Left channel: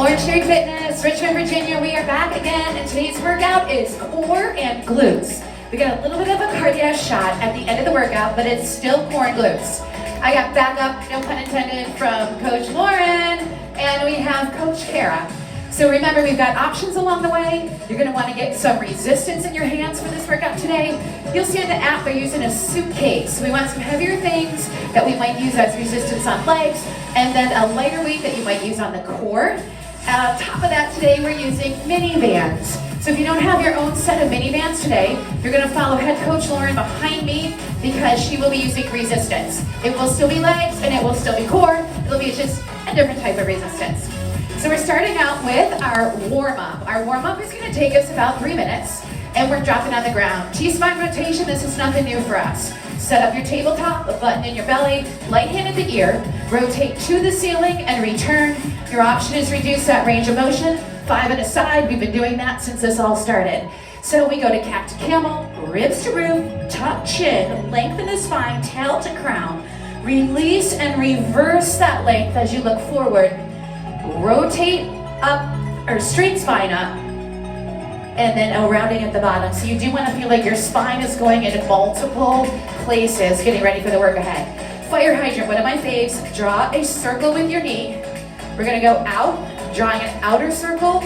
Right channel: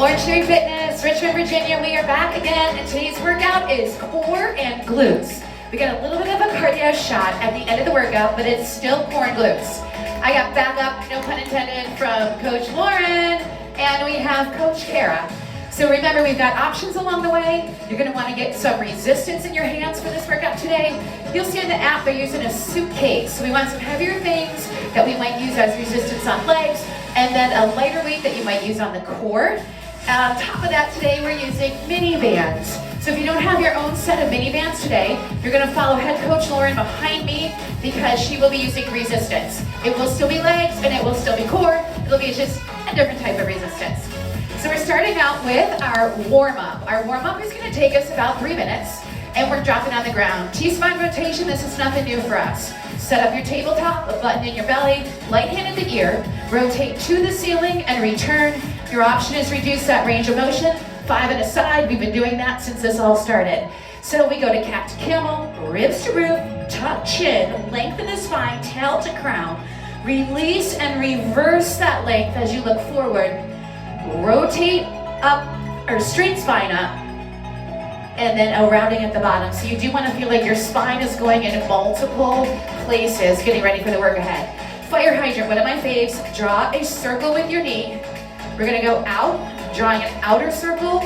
Orangetheory Fitness, Richmond, Virginia. We are back again, and today's workout is core and glutes. We got a little bit of a cardio shot at the end of the workout, but it's still core and glutes. I got backup, no pun intended, from Coach Lauren, and we have Coach Kara. So remember, we've got options along the way. You're gonna wanna get some resistance in your hands for this workout today. You'll see in the app they're using a suitcase. We want some heavier things that we might use as resistance on legs, and then a lighter weight that you might use on the core. On top of that, today we're using mini bands. So if you don't have your own set of mini bands today, you're gonna follow head coach Lauren behind me because she will be using resistance. It will still be legs and it will still be core. It'll be just a different type of resistance. So we're starting out with our warm-up. Our warm-up is gonna take us about 3 minutes, and we're dropping on the ground. T-spine rotation, this is nothing new for us. Set up your tabletop, a button in your belly, light hand at the ear, rotate to the ceiling and return. Your option is reduce that range of motion, 5 at a side. We've been doing that since this all started. So we go to cat to camel, ribs to roof, tuck chin, lengthen the spine, tail to crown. Release and reverse that length as you look forward. Rotate up, or straight spine up, and then a rounding at the bottom. So you do want to feel like your spine is going in multiple places, getting ready for the work ahead. Fire hydrant, one of my faves. Draw a circle with your knee. We're gonna go out, drawing an outer circle,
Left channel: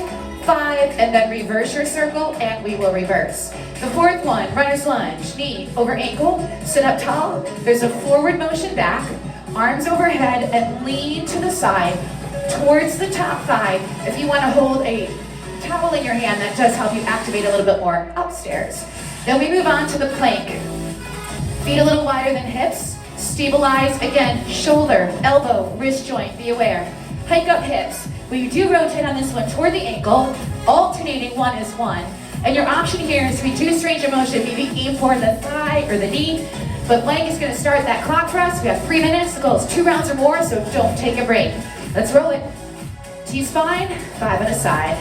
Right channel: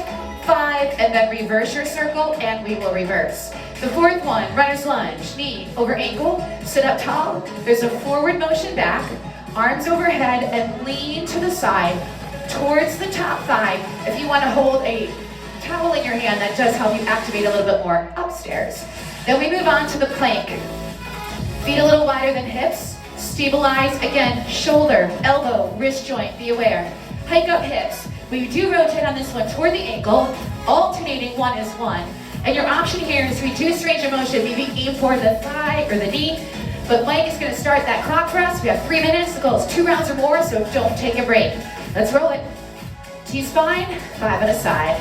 5, and then reverse your circle, and we will reverse. The fourth one, runner's lunge, knee over ankle, sit up tall. There's a forward motion back, arms overhead, and lean to the side towards the top thigh. If you want to hold a towel in your hand, that does help you activate a little bit more upstairs. Then we move on to the plank. Feet a little wider than hips. Stabilize, again, shoulder, elbow, wrist joint, be aware. Hike up hips. We do rotate on this one toward the ankle, alternating 1 is 1. And your option here is to reduce range of motion, maybe aim for the thigh or the knee. But Mike is gonna start that clock for us. We have 3 minutes, the goal is 2 rounds or more, so don't take a break. Let's roll it. T-spine, 5 at a side.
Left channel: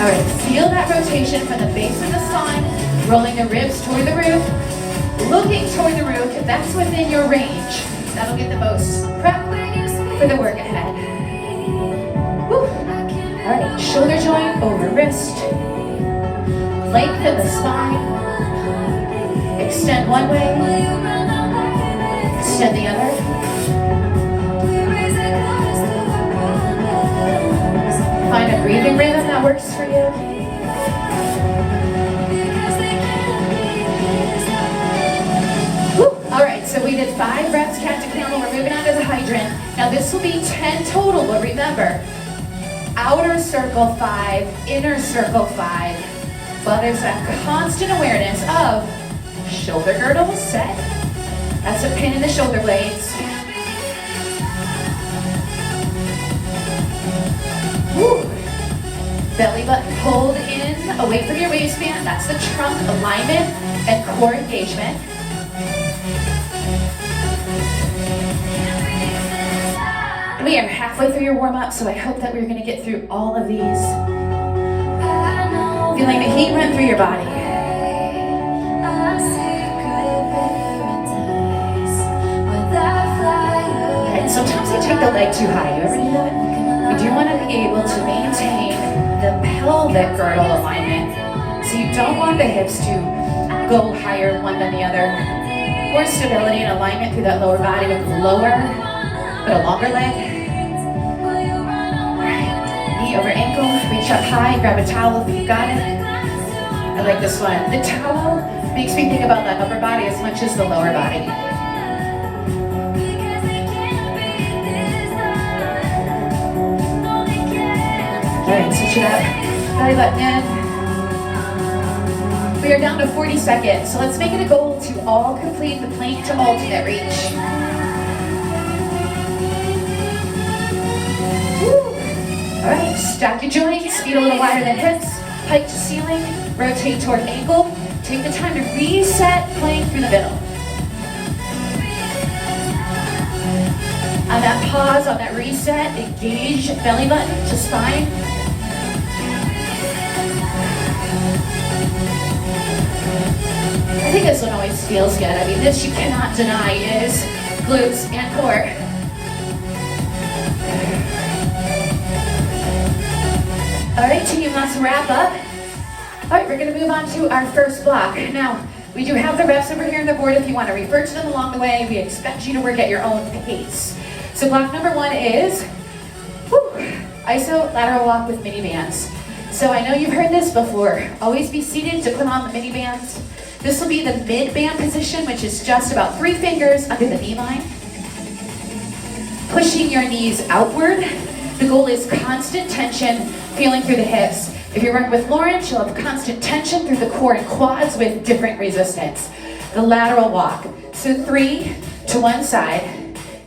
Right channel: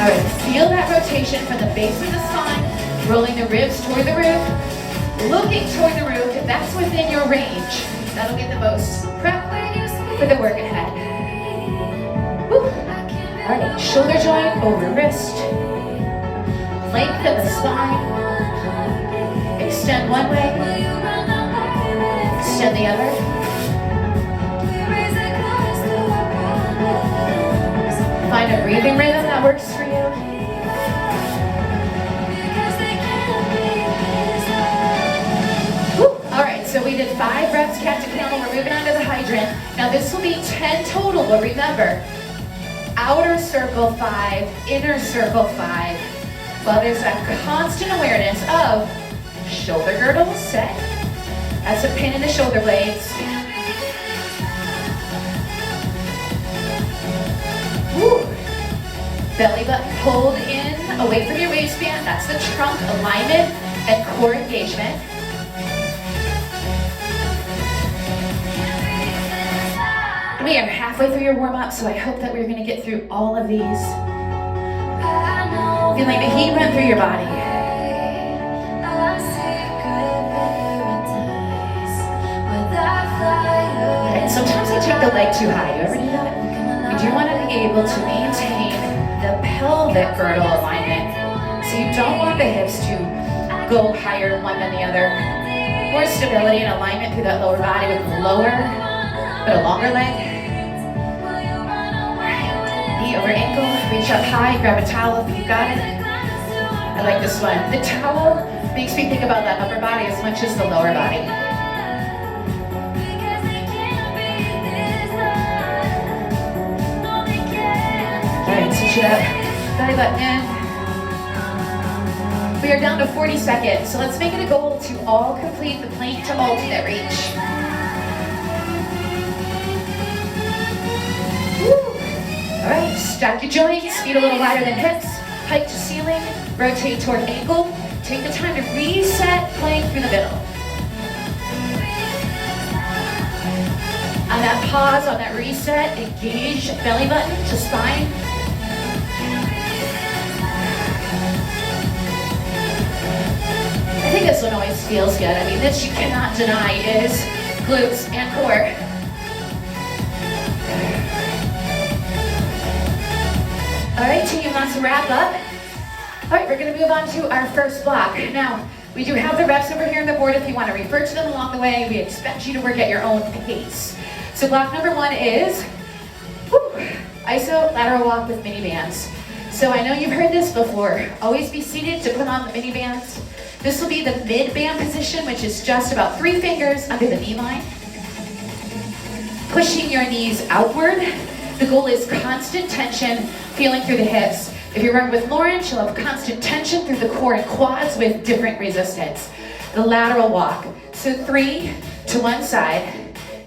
All right, feel that rotation from the base of the spine, rolling the ribs toward the roof, looking toward the roof. If that's within your range, that'll get the most prep for the work ahead. Woo. All right, shoulder joint over wrist. Lengthen the spine. Extend one way. Extend the other. Find a breathing rhythm that works for you. Woo. All right, so we did 5 reps, cat to camel. We're moving on to the hydrant. Now this will be 10 total, but remember, outer circle 5, inner circle 5. Well, there's that constant awareness of shoulder girdle set. That's a pin in the shoulder blades. Woo. Belly button hold in, away from your waistband. That's the trunk alignment and core engagement. We are halfway through your warm-up, so I hope that we're gonna get through all of these. Feeling the heat run through your body. Alright, sometimes I take the leg too high. Do you ever do that? We do want to be able to maintain the pelvic girdle alignment. So you don't want the hips to go higher one than the other. More stability and alignment through that lower body with lower, but a longer leg. Knee over ankle, reach up high, grab a towel if you've got it. I like this one. The towel makes me think about that upper body as much as the lower body. All right, switch it up. Belly button in. We are down to 40 seconds, so let's make it a goal to all complete the plank to alternate reach. Woo. All right, stack your joints, feet a little wider than hips, hike to ceiling, rotate toward ankle. Take the time to reset plank through the middle. On that pause, on that reset, engage belly button to spine. feels good. I mean, this you cannot deny is glutes and core. All right, team, let's wrap up. All right, we're gonna move on to our first block. Now, we do have the reps over here on the board if you want to refer to them along the way. We expect you to work at your own pace. So block number one is iso lateral walk with mini bands. So I know you've heard this before. Always be seated to put on the mini bands. This will be the mid band position, which is just about 3 fingers under the knee line. Pushing your knees outward. The goal is constant tension, feeling through the hips. If you work with Lauren, she'll have constant tension through the core and quads with different resistance. The lateral walk. So 3 to one side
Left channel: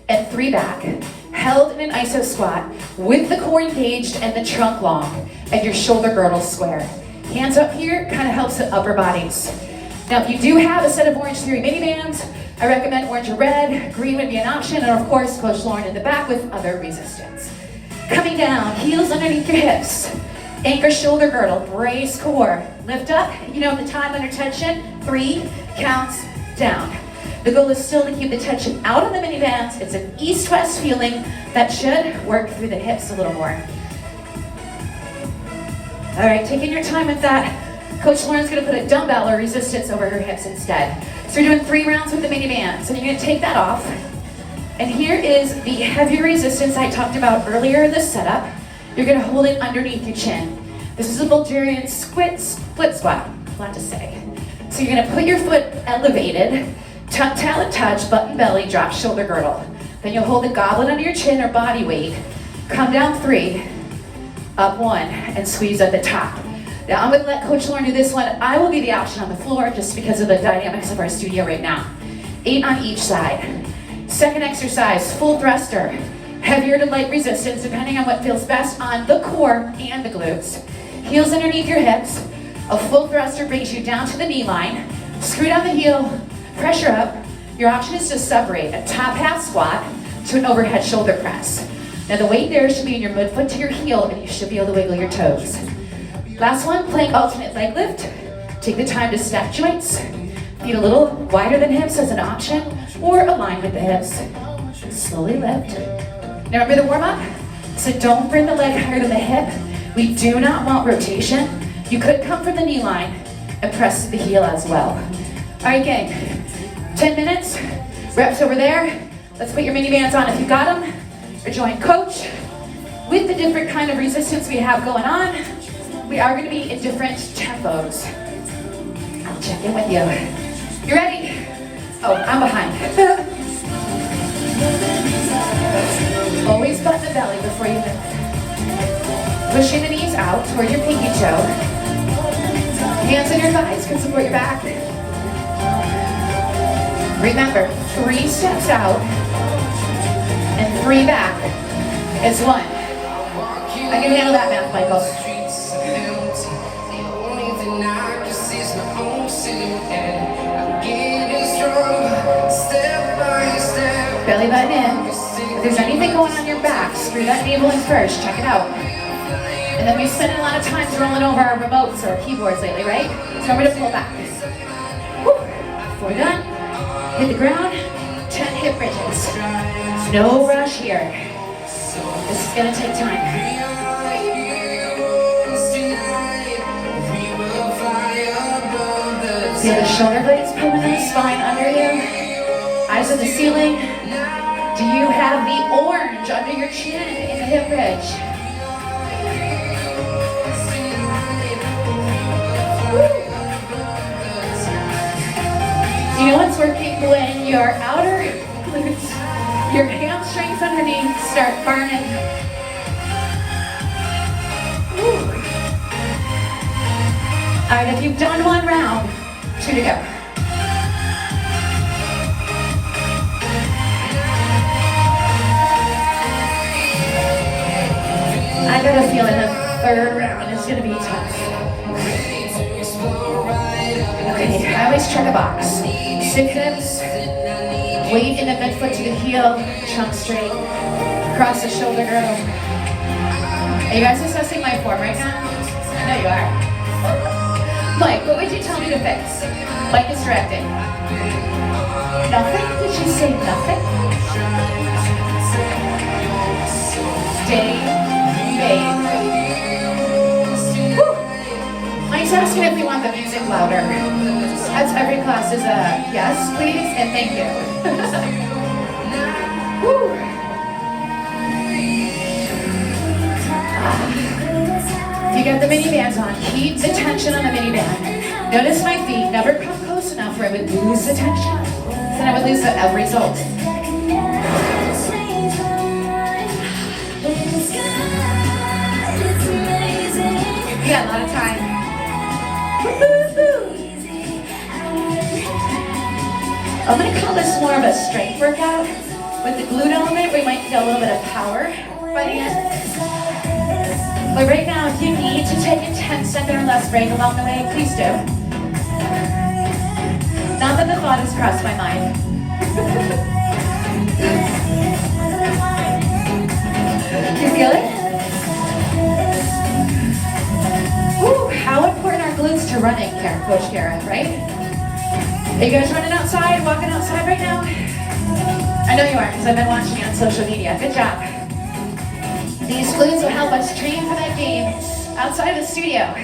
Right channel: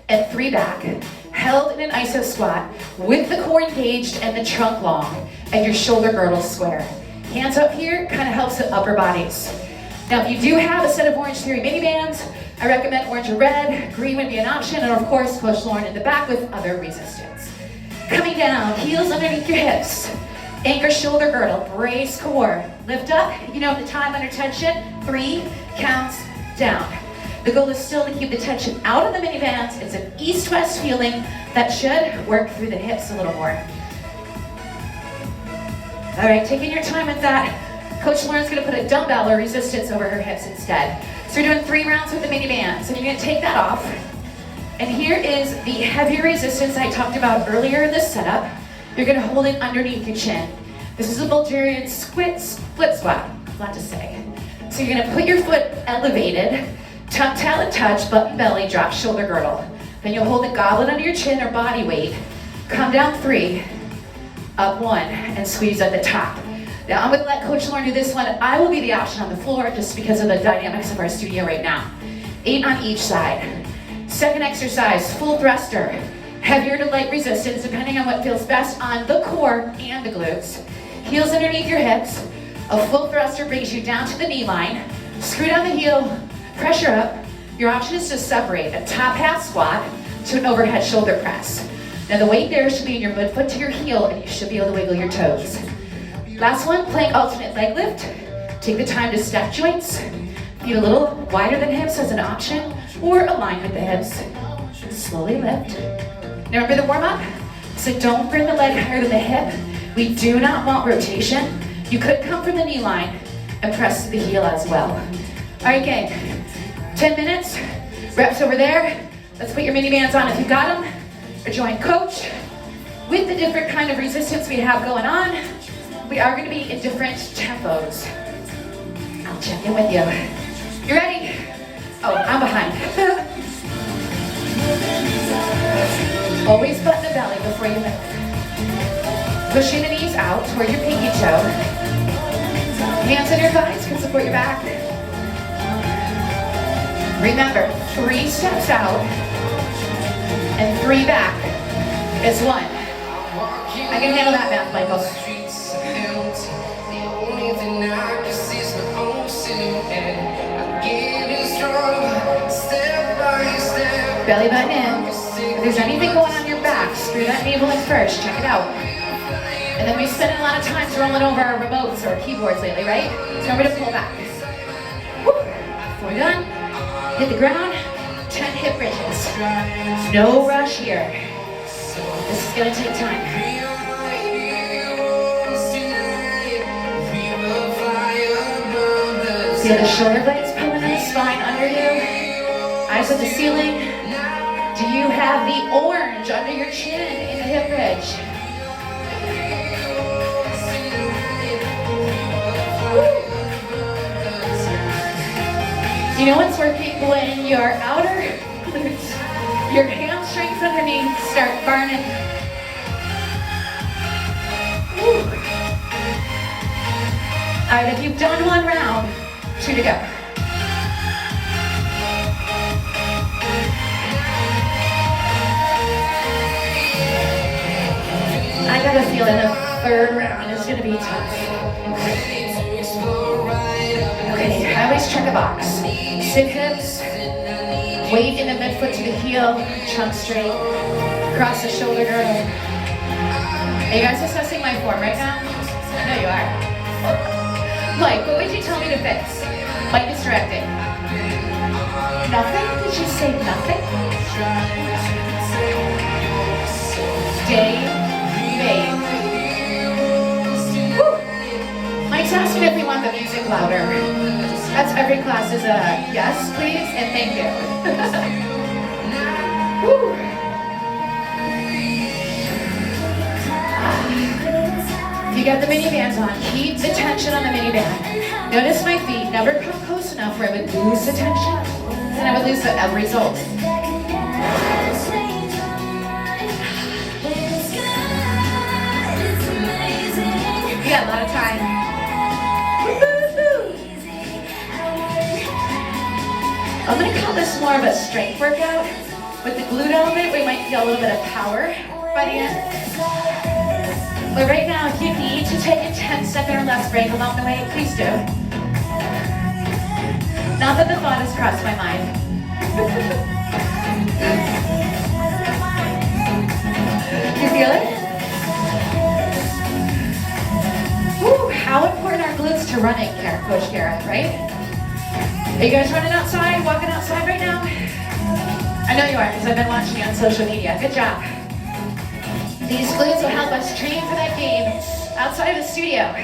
and 3 back. Held in an iso squat with the core engaged and the trunk long and your shoulder girdle square. Hands up here kind of helps the upper bodies. Now, if you do have a set of Orangetheory mini bands, I recommend orange or red. Green would be an option, and of course, Coach Lauren in the back with other resistance. Coming down, heels underneath your hips. Anchor shoulder girdle, brace core. Lift up, you know the time under tension, 3 counts down. The goal is still to keep the tension out of the mini bands. It's an east-west feeling that should work through the hips a little more. All right, taking your time with that. Coach Lauren's gonna put a dumbbell or resistance over her hips instead. So we're doing 3 rounds with the mini band. So you're gonna take that off. And here is the heavier resistance I talked about earlier in this setup. You're gonna hold it underneath your chin. This is a Bulgarian split squat, a lot to say. So you're gonna put your foot elevated, tuck talon touch, button belly, drop shoulder girdle. Then you'll hold the goblet under your chin or body weight. Come down 3, up 1, and squeeze at the top. Now I'm gonna let Coach Lauren do this one. I will be the option on the floor just because of the dynamics of our studio right now. 8 on each side. Second exercise, full thruster. Heavier to light resistance depending on what feels best on the core and the glutes. Heels underneath your hips. A full thruster brings you down to the knee line. Screw down the heel, pressure up. Your option is to separate a top half squat to an overhead shoulder press. Now the weight there should be in your midfoot to your heel and you should be able to wiggle your toes. Last one, plank alternate leg lift. Take the time to stack joints. Feet a little wider than hips as an option or align with the hips. Slowly lift. Now remember the warm up? So don't bring the leg higher than the hip. We do not want rotation. You could come from the knee line and press the heel as well. All right, gang, 10 minutes, reps over there. Let's put your mini bands on if you got them, or join Coach. With the different kind of resistance we have going on, we are gonna be in different tempos. I'll check in with you. You ready? Oh, I'm behind. Always button the belly before you lift. Pushing the knees out toward your pinky toe. Hands on your thighs can support your back. Remember, 3 steps out and 3 back is 1. I can handle that math, Michael. Belly button in. If there's anything going on your back, screw that navel in first. Check it out. And then we spend a lot of time rolling over our remotes or our keyboards lately, right? So remember to pull back. Woo. Before we're done, hit the ground, 10 hip bridges. No rush here. This is gonna take time. Feel the shoulder blades pulling in the spine under you. Eyes at the ceiling. Do you have the orange under your chin in the hip bridge? You know what's working when your outer glutes, your hamstrings underneath start burning. Woo. All right, if you've done 1 round, 2 to go. I got a feeling the 3rd round is gonna be tough. Okay, I always check a box. 6 hips, weight in the midfoot to the heel, trunk straight, across the shoulder girdle. Are you guys assessing my form right now? I know you are. Mike, what would you tell me to fix? Mike is directing. Nothing? Did you say nothing? Day made. Woo. Mike's asking if we want the music louder. That's every class is a yes, please, and thank you. Woo. You got the mini bands on. Keep the tension on the mini band. Notice my feet never come close enough where I would lose the tension. Then I would lose the end result. You got a lot of time. I'm going to call this more of a strength workout. With the glute element, we might feel a little bit of power by the end. But right now, if you need to take a 10-second or less break along the way, please do. Not that the thought has crossed my mind. You feel it? Woo, how important are glutes to running, Coach Kara, right? Are you guys running outside, walking outside right now? I know you are, because I've been watching you on social media. Good job. These glutes will help us train for that game outside of the studio.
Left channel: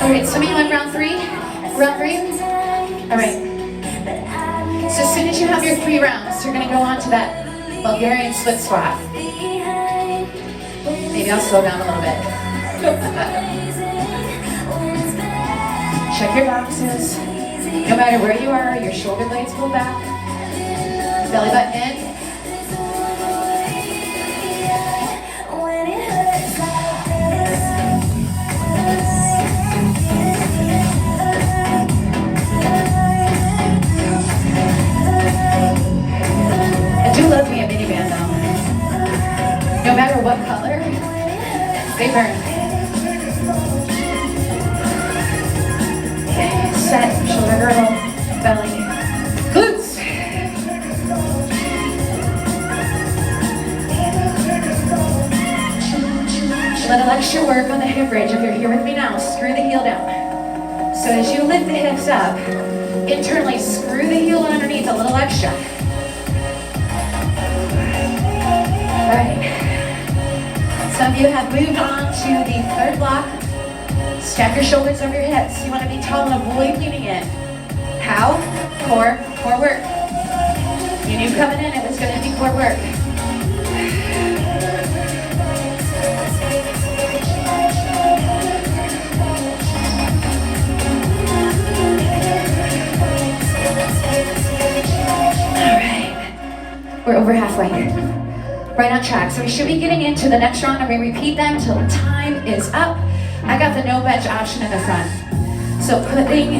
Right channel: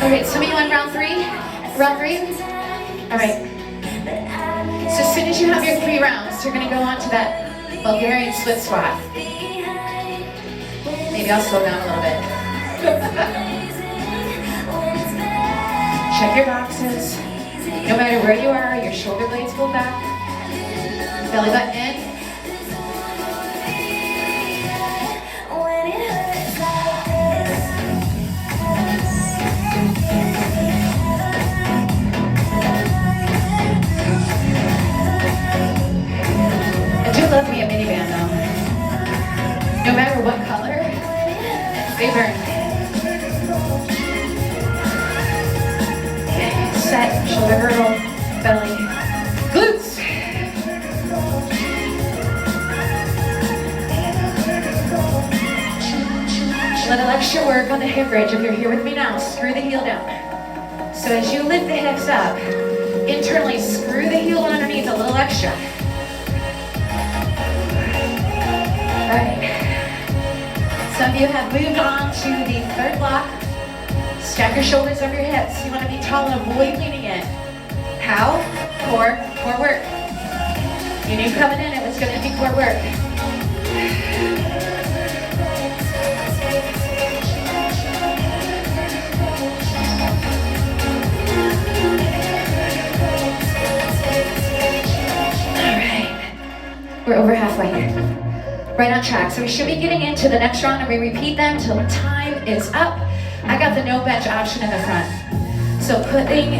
All right, some of you on round three? Round three? All right. So as soon as you have your 3 rounds, you're going to go on to that Bulgarian split squat. Maybe I'll slow down a little bit. Check your boxes. No matter where you are, your shoulder blades pull back. Belly button in. I do love me a miniband though. No matter what color, they burn. Set, shoulder girdle, belly, glutes. Let a extra work on the hip bridge. If you're here with me now, screw the heel down. So as you lift the hips up, internally screw the heel underneath a little extra. All right. Some of you have moved on to the 3rd block. Stack your shoulders over your hips. You want to be tall and avoid leaning in. How? Core work. You need coming in if it's going to be core work. All right. We're over halfway. Right on track. So we should be getting into the next round and we repeat them till the time is up. I got the no bench option in the front. So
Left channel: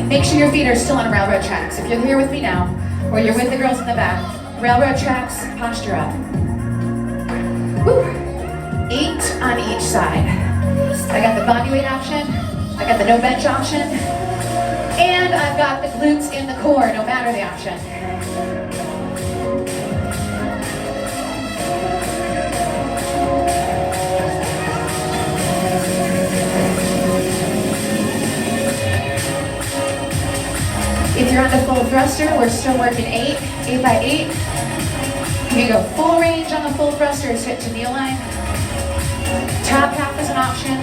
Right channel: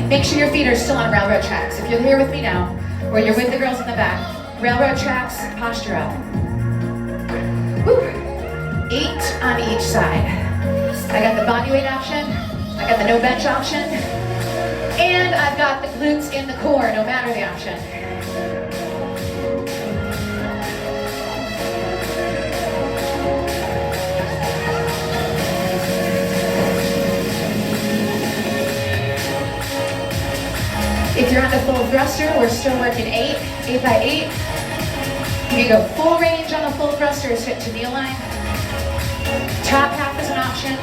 make sure your feet are still on railroad tracks. If you're here with me now, or you're with the girls in the back, railroad tracks, posture up. Woo. 8 on each side. I got the body weight option, I got the no bench option, and I've got the glutes in the core, no matter the option. If you're on the full thruster, we're still working 8 by 8. You go full range on the full thruster is hip to knee line. Top half is an option.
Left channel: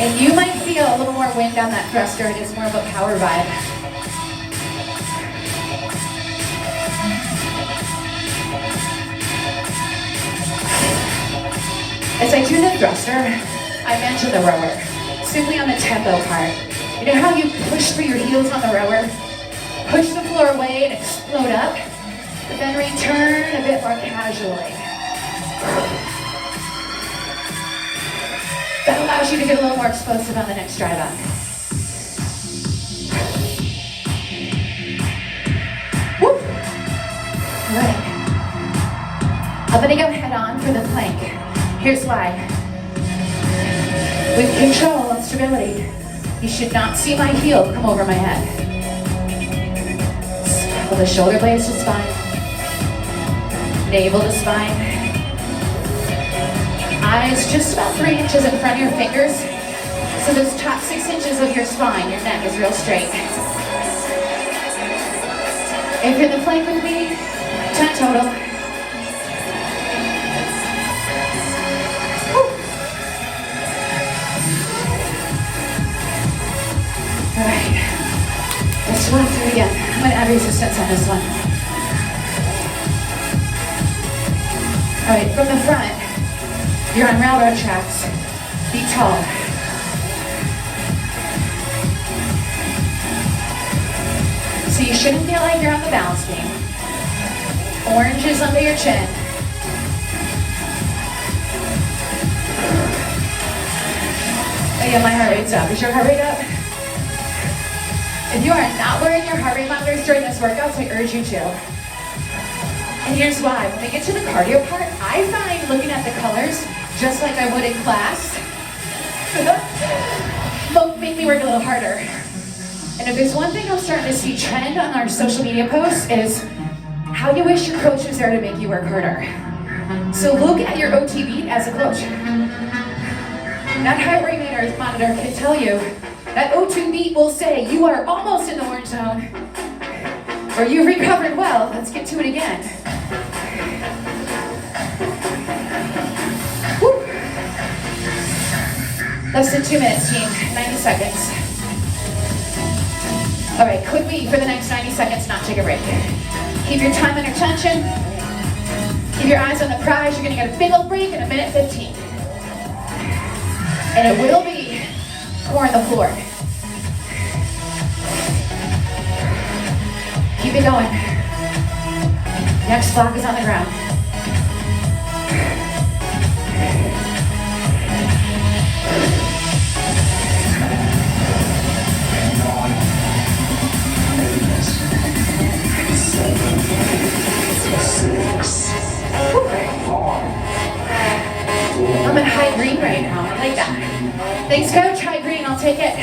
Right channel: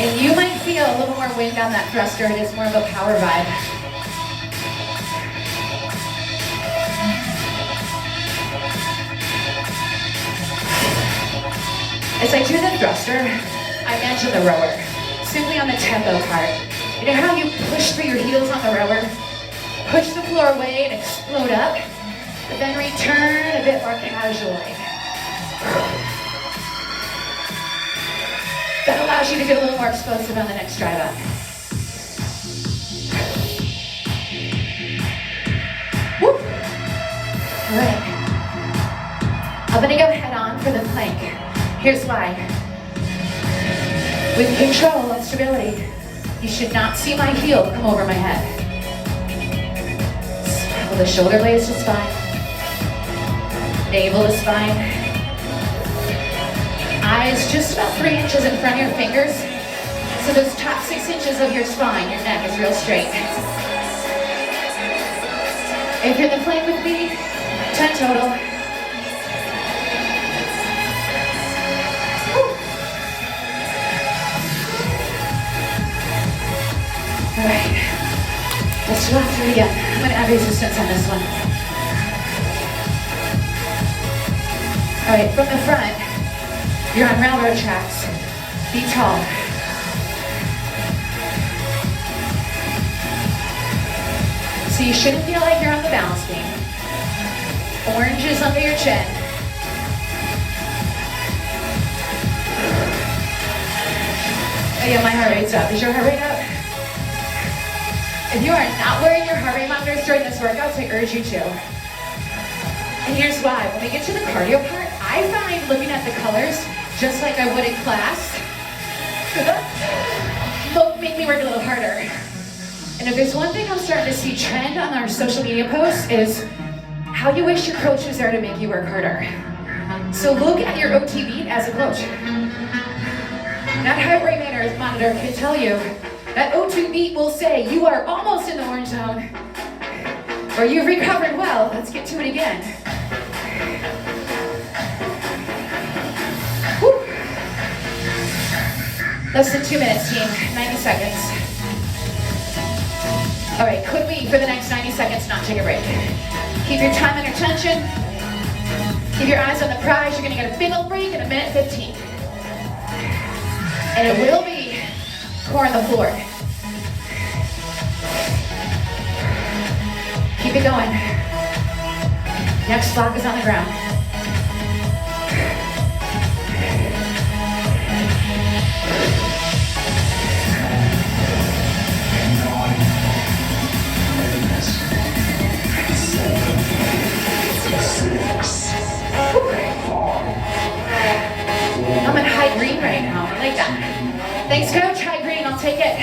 And you might feel a little more wind on that thruster. It is more of a power vibe. As I do the thruster, I mention the rower. Simply on the tempo part. You know how you push through your heels on the rower? Push the floor away and explode up, but then return a bit more casually. That allows you to get a little more explosive on the next drive up. Whoop! Right. I'm gonna go head on for the plank. Here's why. With control and stability, you should not see my heel come over my head. Well, the shoulder blades is fine. Navel to spine. Eyes just about 3 inches in front of your fingers. So those top 6 inches of your spine, your neck is real straight. If you're in the plank with me, 10 total. Woo. All right, let's squat through again. I'm gonna add resistance on this one. All right, from the front, you're on railroad tracks. Be tall. So you shouldn't feel like you're on the balance beam. Oranges under your chin. Oh yeah, my heart rate's up. Is your heart rate up? If you are not wearing your heart rate monitors during this workout, I urge you to. And here's why. When we get to the cardio part, I find looking at the colors, just like I would in class, make me work a little harder. And if there's one thing I'm starting to see trend on our social media posts is how you wish your coach was there to make you work harder. So look at your OT beat as a coach. That heart rate monitor can tell you that O2 beat will say you are almost in the orange zone or you've recovered well. Let's get to it again. Woo. Less than 2 minutes, team. 90 seconds. All right, quickly for the next 90 seconds, not take a break. Keep your time under tension. Keep your eyes on the prize. You're gonna get a big old break in 1:15. And it will be core on the floor. Keep it going. Next block is on the ground. I'm in high green right now. I like that. Thanks, coach. High green. I'll take it.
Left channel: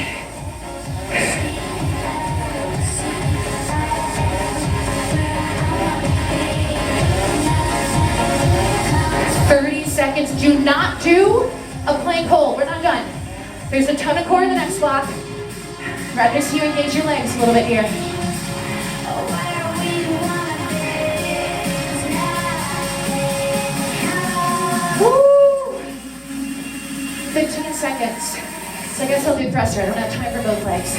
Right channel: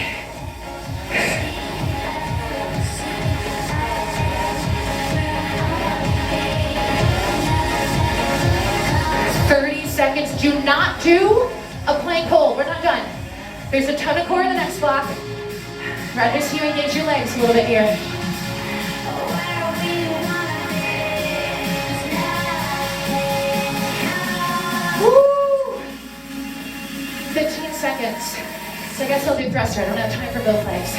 Seconds. Do not do a plank hold. We're not done. There's a ton of core in the next block. Rather see you engage your legs a little bit here. Woo! 15 seconds. So I guess I'll do thruster. I don't have time for both legs.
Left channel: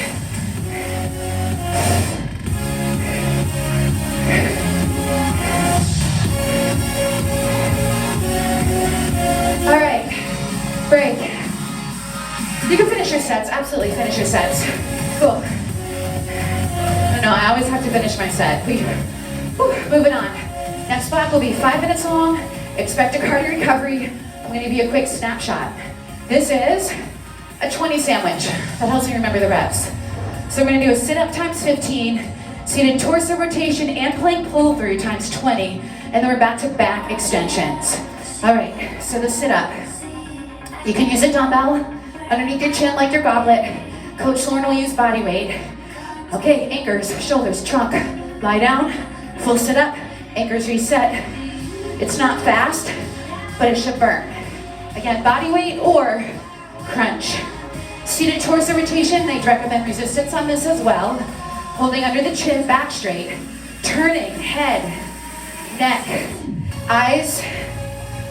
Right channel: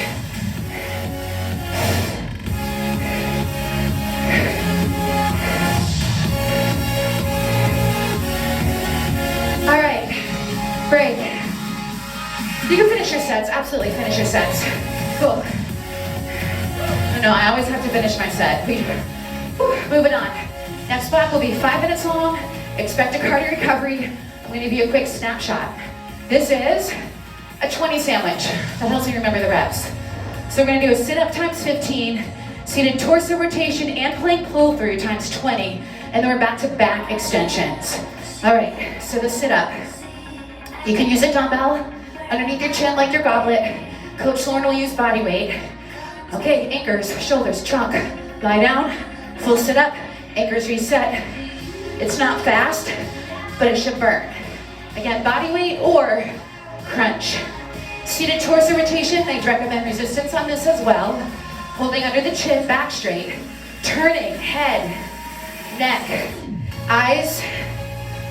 All right, break. You can finish your sets, absolutely finish your sets. Cool. No, I always have to finish my set. Moving on. Next block will be 5 minutes long. Expect a cardio recovery. I'm gonna give you a quick snapshot. This is a 20 sandwich. That helps me remember the reps. So we're gonna do a sit-up times 15, seated torso rotation and plank pull-through times 20, and then we're back to back extensions. All right, so the sit-up. You can use a dumbbell underneath your chin like your goblet. Coach Lauren will use body weight. Okay, anchors, shoulders, trunk. Lie down, full sit-up, anchors reset. It's not fast, but it should burn. Again, body weight or crunch. Seated torso rotation, they recommend resistance on this as well. Holding under the chin, back straight. Turning, head, neck, eyes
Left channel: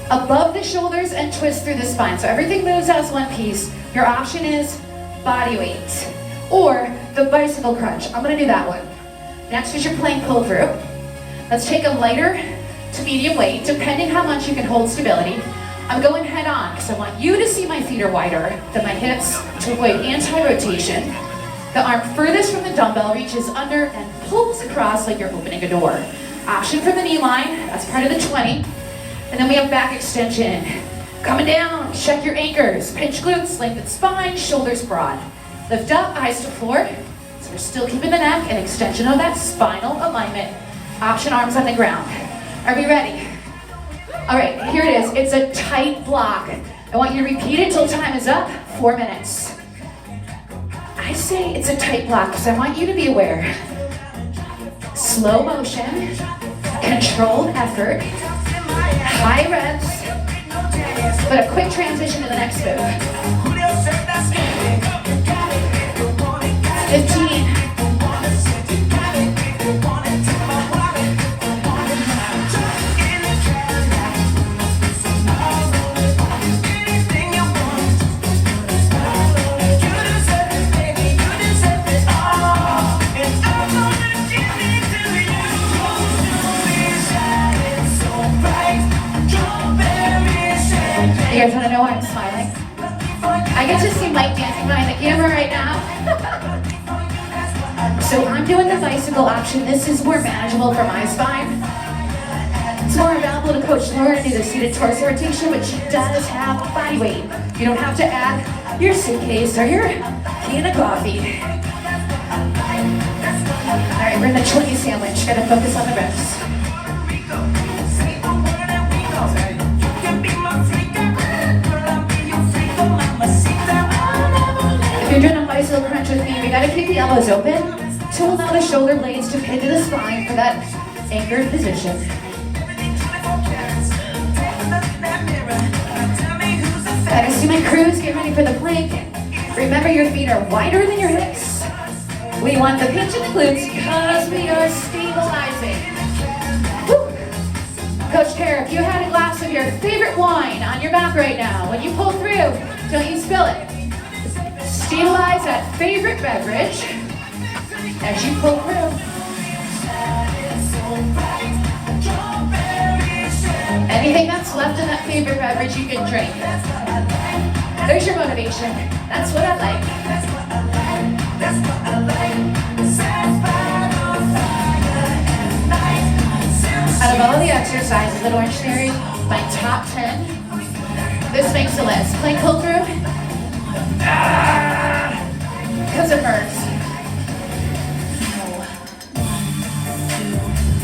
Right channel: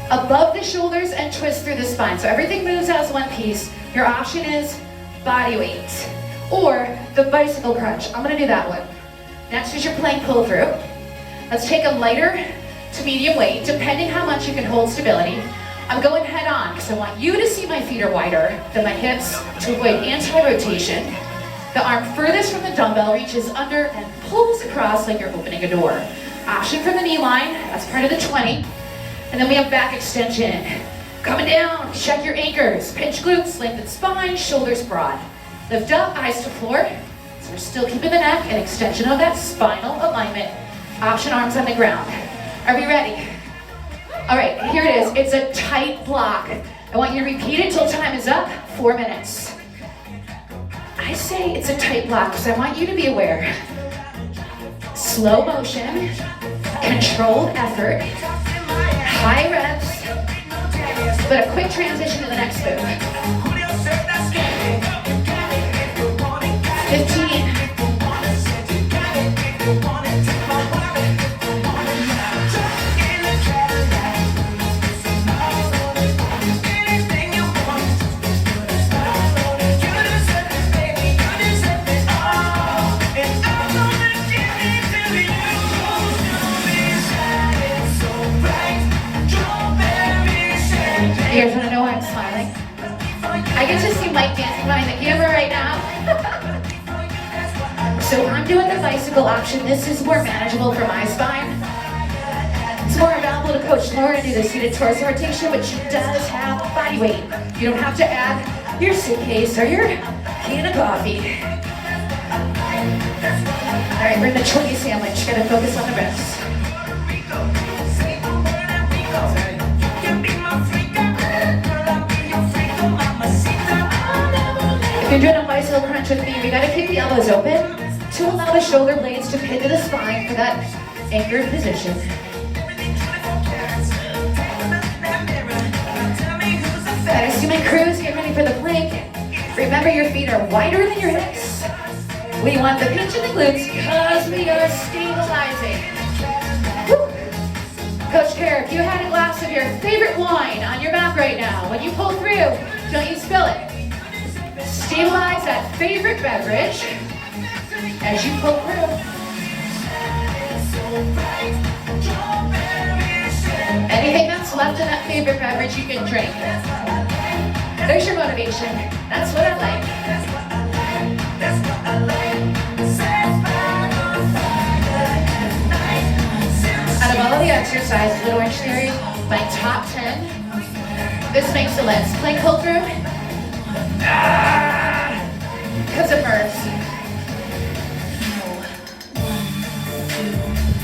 above the shoulders and twist through the spine. So everything moves as one piece. Your option is body weight or the bicycle crunch. I'm gonna do that one. Next is your plank pull through. Let's take a lighter to medium weight, depending how much you can hold stability. I'm going head on because I want you to see my feet are wider than my hips to avoid anti-rotation. The arm furthest from the dumbbell reaches under and pulls across like you're opening a door. Option for the knee line, that's part of the 20. And then we have back extension. Coming down, check your anchors. Pinch glutes, lengthen spine, shoulders broad. Lift up, eyes to floor. So we're still keeping the neck, an extension of that spinal alignment. Option arms on the ground. Are we ready? All right, here it is. It's a tight block. I want you to repeat it till time is up, 4 minutes. I say it's a tight block because I want you to be aware. Slow motion, controlled effort. High reps, but a quick transition to the next move. 15. You guys want to know why I'm smiling? I get to see Mike dancing behind the camera right now. So I'm doing the bicycle option. This is more manageable for my spine. It's more available to Coach Laura to do the seated torso rotation, but she does have body weight. You don't have to add your suitcase or your can of coffee. All right, we're in the 20 sandwich. Gotta focus on the reps. If you're doing a bicycle crunch with me, we gotta keep the elbows open to allow the shoulder blades to pin to the spine for that anchored position. I see my crews get ready for the plank. Remember, your feet are wider than your hips. We want the pinch in the glutes because we are stabilizing. Woo. Coach Kara, if you had a glass of your favorite wine on your back right now, when you pull through, don't you spill it. Stabilize that favorite beverage as you pull through. Anything that's left in that favorite beverage you can drink. There's your motivation. That's what I like. Out of all the exercises at Orangetheory, my top 10, this makes the list. Plank pull through. Because it burns.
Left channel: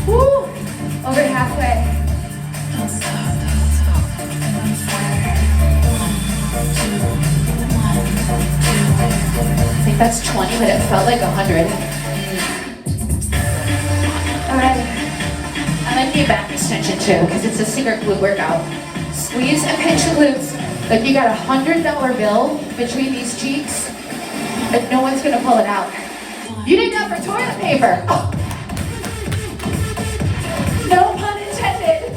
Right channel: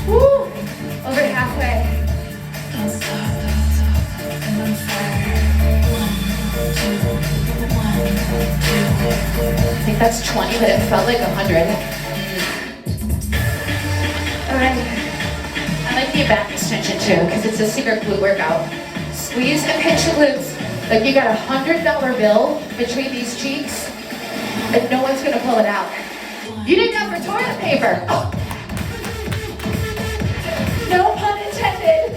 Woo! Over to halfway. I think that's 20, but it felt like 100. All right. I like the back extension too, because it's a secret glute workout. Squeeze and pinch your glutes like you got $100 bill between these cheeks, and no one's gonna pull it out. You need that for toilet paper. Oh. No pun intended.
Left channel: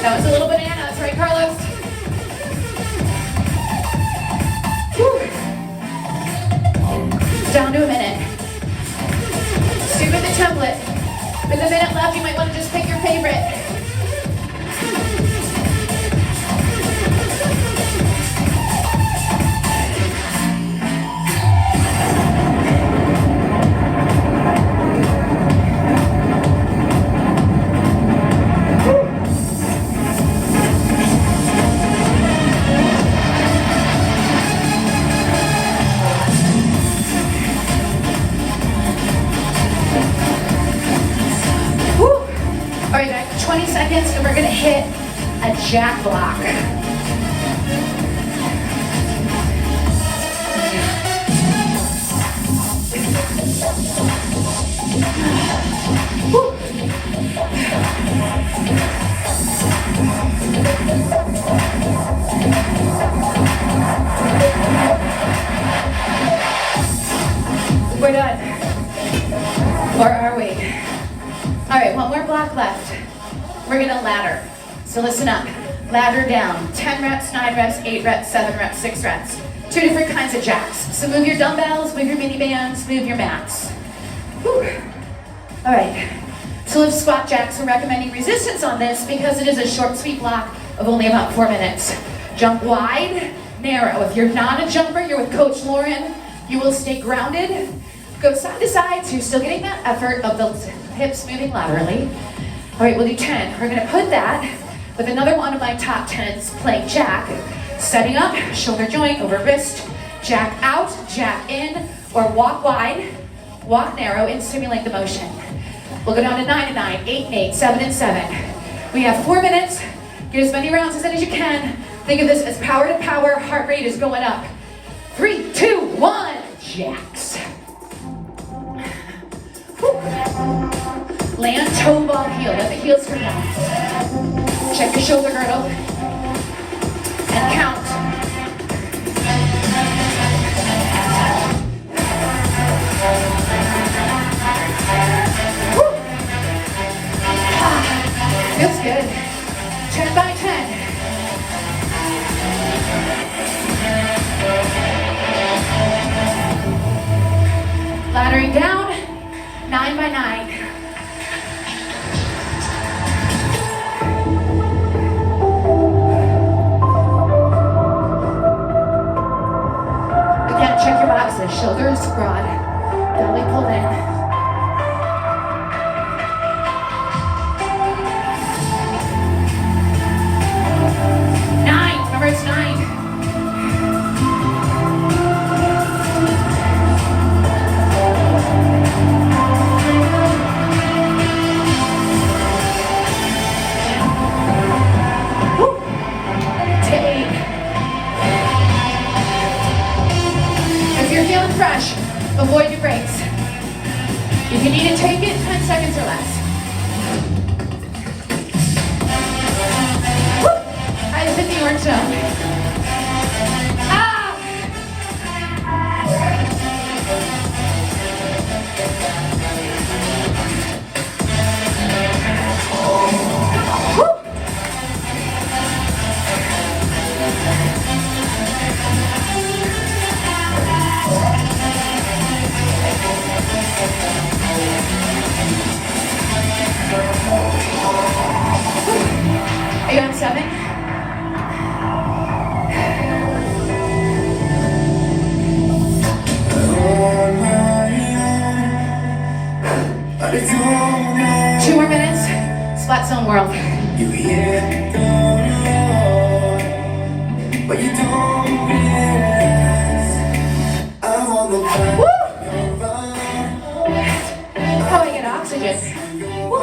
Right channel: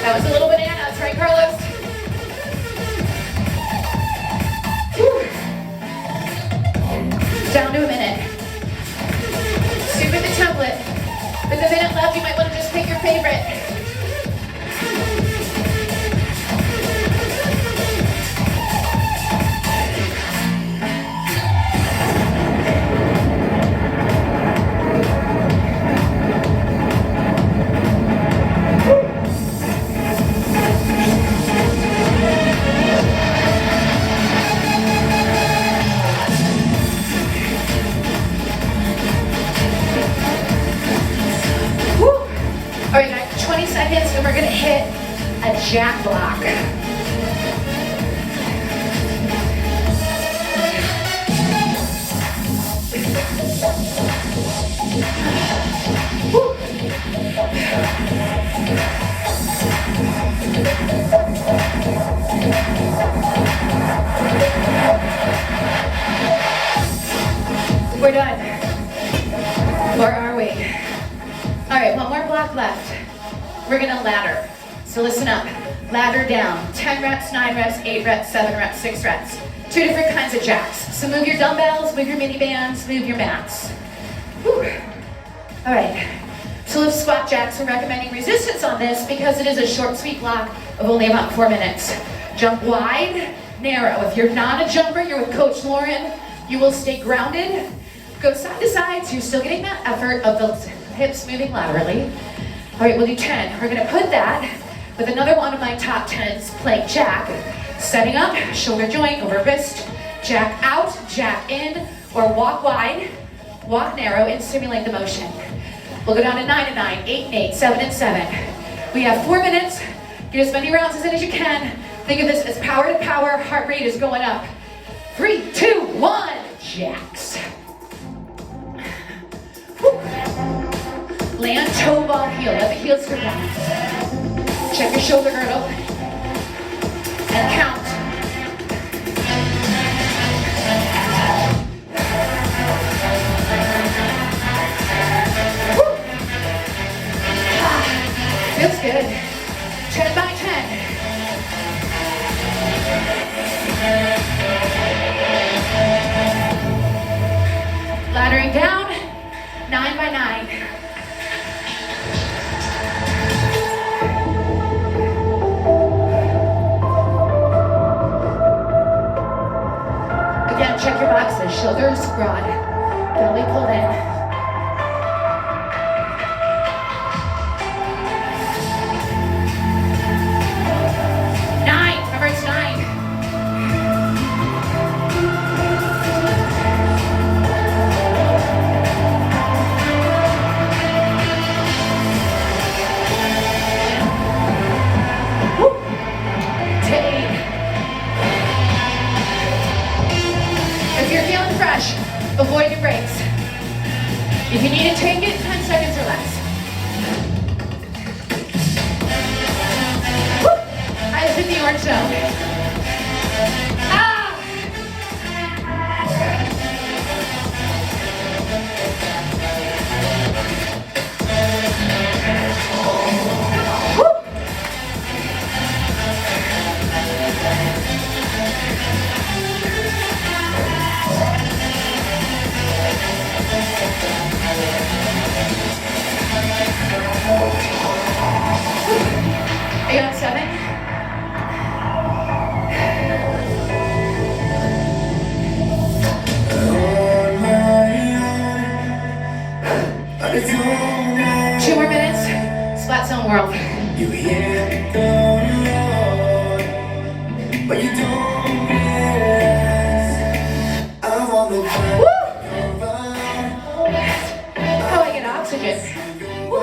That was a little bananas, right, Carlos? Whew. Down to a minute. Stick with the template. With a minute left, you might want to just pick your favorite. All right, guys, 20 seconds, and we're gonna hit a jack block. Woo. We're done. Or are we? All right, one more block left. We're gonna ladder. So listen up. Ladder down. 10 reps, 9 reps, 8 reps, 7 reps, 6 reps. 2 different kinds of jacks. So move your dumbbells, move your mini bands, move your mats. Whew. All right. So lift squat jacks. We're recommending resistance on this because it is a short, sweet block of only about 4 minutes. Jump wide, narrow. If you're not a jumper, you're with Coach Lauren, you will stay grounded. Go side to side, so you're still getting that effort of the hips moving laterally. All right, we'll do 10. We're gonna put that with another one of my top 10s, plank jack. Setting up, shoulder joint over wrist, jack out, jack in, or walk wide, walk narrow, and simulate the motion. We'll go down to 9 and 9, 8 and 8, 7 and 7. We have 4 minutes. Get as many rounds as you can. Think of this as power to power, heart rate is going up. 3, 2, 1, jacks. Whew. Land toe ball heel. Let the heels come down. Check your shoulder girdle. And count. Woo. Feels good. 10 by 10. Laddering down, 9 by 9. Again, check your boxes. Shoulders broad, belly pulled in. 9, remember it's 9. Fresh, avoid your breaks. If you need to take it, 10 seconds or less. Woo! I just hit the orange zone. Ah! Woo! Are you on 7? Two more minutes. Splat zone world. You hear the roar, but you don't realize I'm on the ground. How I get oxygen. Woo.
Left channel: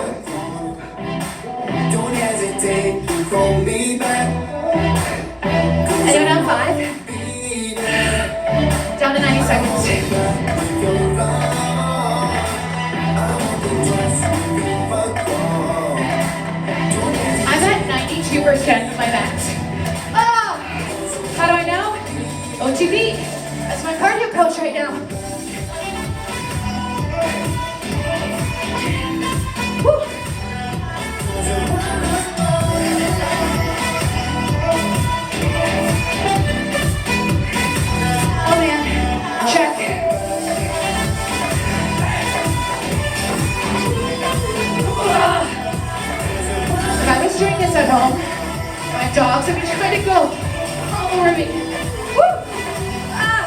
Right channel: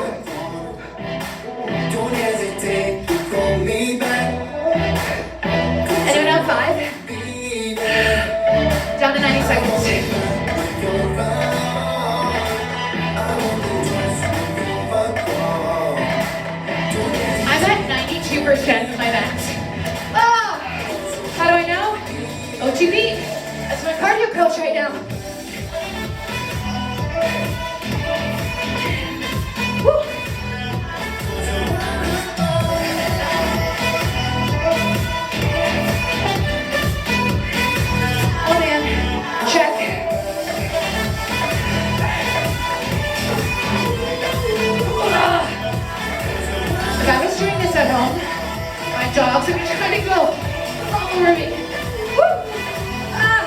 Don't hesitate, call me back. Anyone on 5? Down to 90 seconds. I'm at 92% of my max. Oh! How do I know? OTB. That's my cardio coach right now. Woo! Oh man, check. If I was doing this at home, my dogs would be trying to go all over me. Woo! Ah!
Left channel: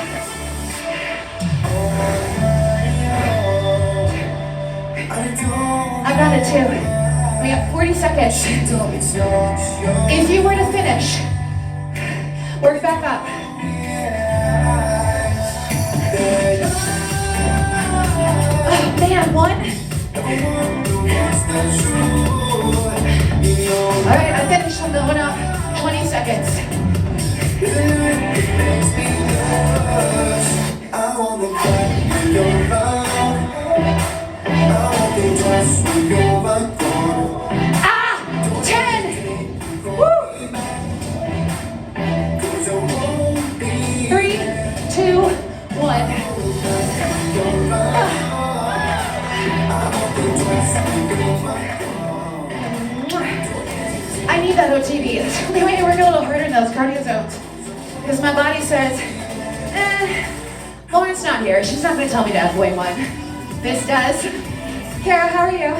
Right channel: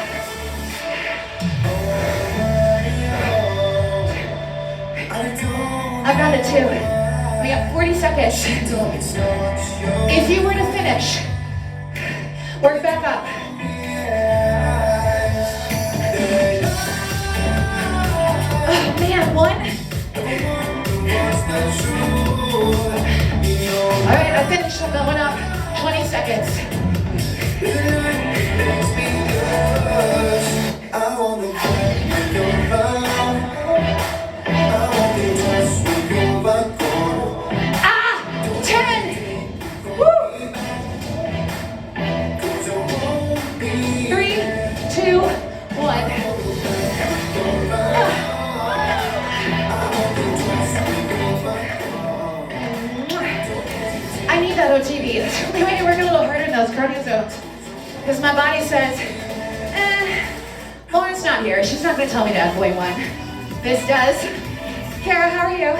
I got it too. We got 40 seconds. If you were to finish, work back up. Oh man, 1. All right, I finished. I'm going up. 20 seconds. Ah! 10! Woo! 3, 2, 1. I need that OTB. It's the only way to work a little harder in those cardio zones. Because my body says, Lauren's not here. She's not going to tell me to avoid one. This does. Kara, how are you?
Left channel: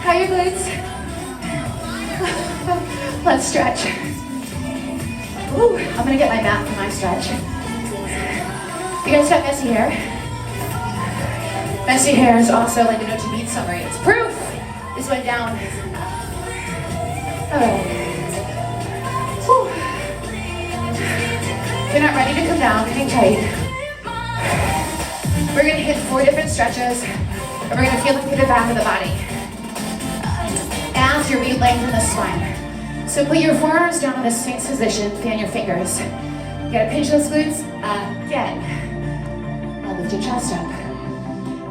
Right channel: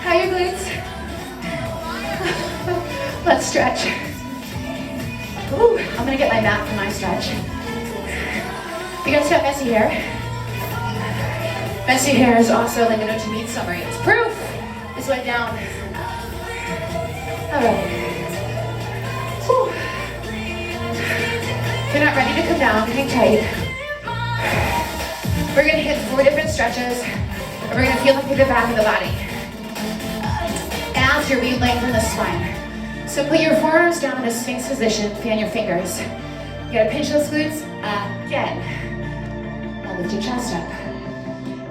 How are your glutes? Let's stretch. Ooh, I'm going to get my mat for my stretch. You guys got messy hair? Messy hair is also like an OTB summary. It's proof. This went down. Alright. If you're not ready to come down, hang tight. We're going to hit 4 different stretches, and we're going to feel them through the back of the body. As you re-lengthen the spine. So put your forearms down in a Sphinx position, fan your fingers. You gotta pinch those glutes again. Now lift your chest up.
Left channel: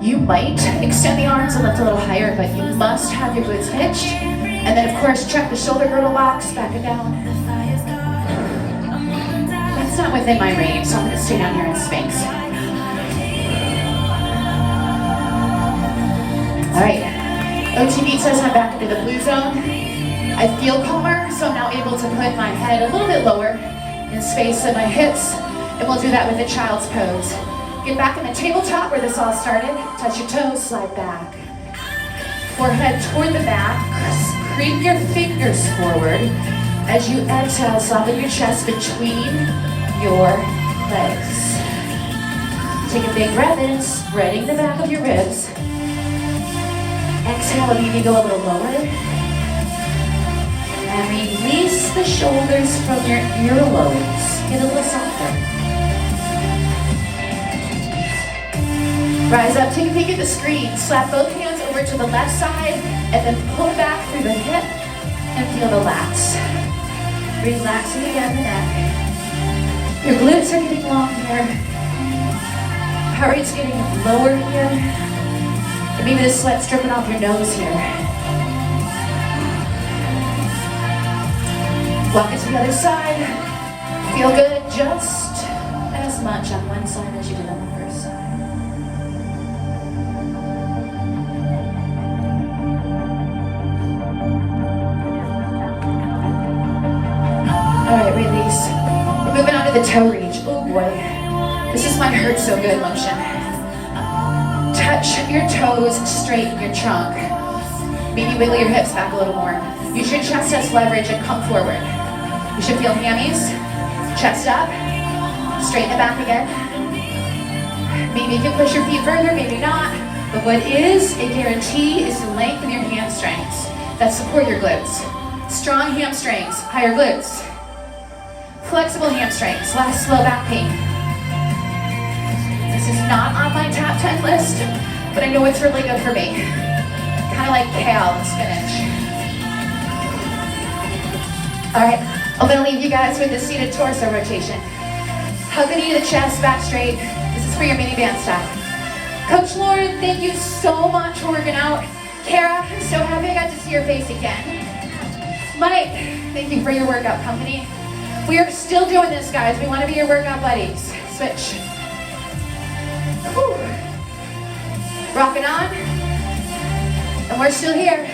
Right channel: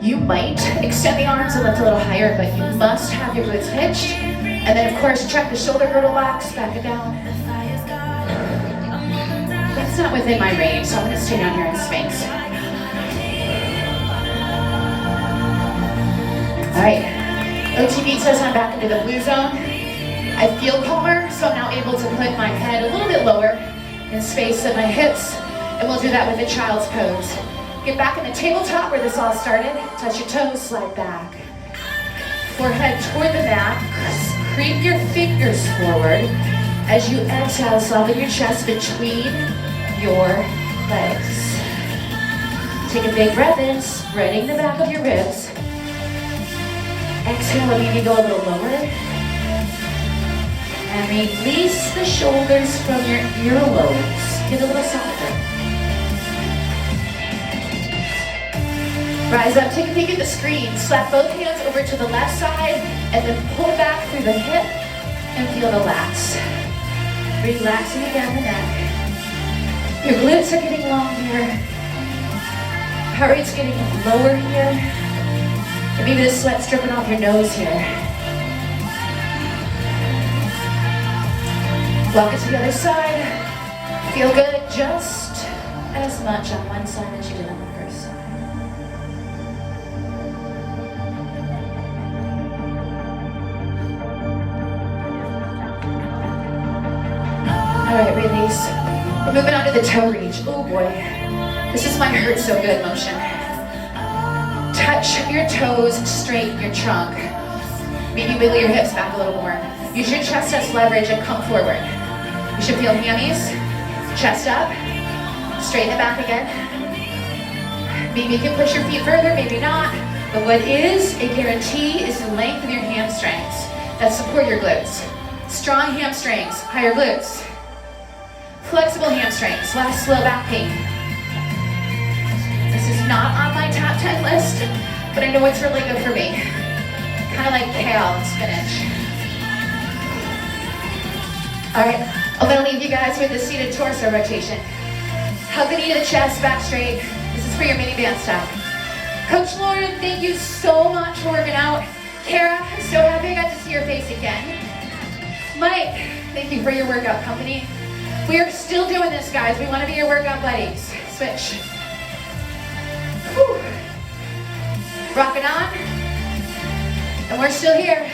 You might extend the arms and lift a little higher, but you must have your glutes hitched. And then of course, check the shoulder girdle box, back it down. That's not within my range, so I'm gonna stay down here in Sphinx. All right, OTB says I'm back into the blue zone. I feel calmer, so I'm now able to put my head a little bit lower in space than my hips, and we'll do that with a child's pose. Get back in the tabletop where this all started. Touch your toes, slide back. Forehead toward the mat, creep your fingers forward. As you exhale, soften your chest between your legs. Take a big breath in, spreading the back of your ribs. Exhale and maybe go a little lower. And release the shoulders from your earlobes. Get a little softer. Rise up, take a peek at the screen. Slap both hands over to the left side and then pull back through the hip and feel the lats. Relaxing again the neck. Your glutes are getting long here. Heart rate's getting lower here. And maybe the sweat's dripping off your nose here. Walk it to the other side. Feel good just as much on one side as you did on the first side. All right, release. We're moving on to the toe reach. Oh boy. This is my hurt so good motion. Touch your toes, straighten your trunk. Maybe wiggle your hips back a little more. Use your chest as leverage and come forward. You should feel hammies, chest up, straighten the back again. Maybe you can push your feet further, maybe not. But what is a guarantee is the length of your hamstrings that support your glutes. Strong hamstrings, higher glutes. Flexible hamstrings, less low back pain. This is not on my top 10 list, but I know it's really good for me. Kind of like kale and spinach. All right, I'm gonna leave you guys with the seated torso rotation. Hug the knee to the chest, back straight. This is for your mini band style. Coach Lauren, thank you so much for working out. Kara, so happy I got to see your face again. Mike, thank you for your workout company. We are still doing this, guys. We want to be your workout buddies. Switch. Whew. Rocking on. And we're still here.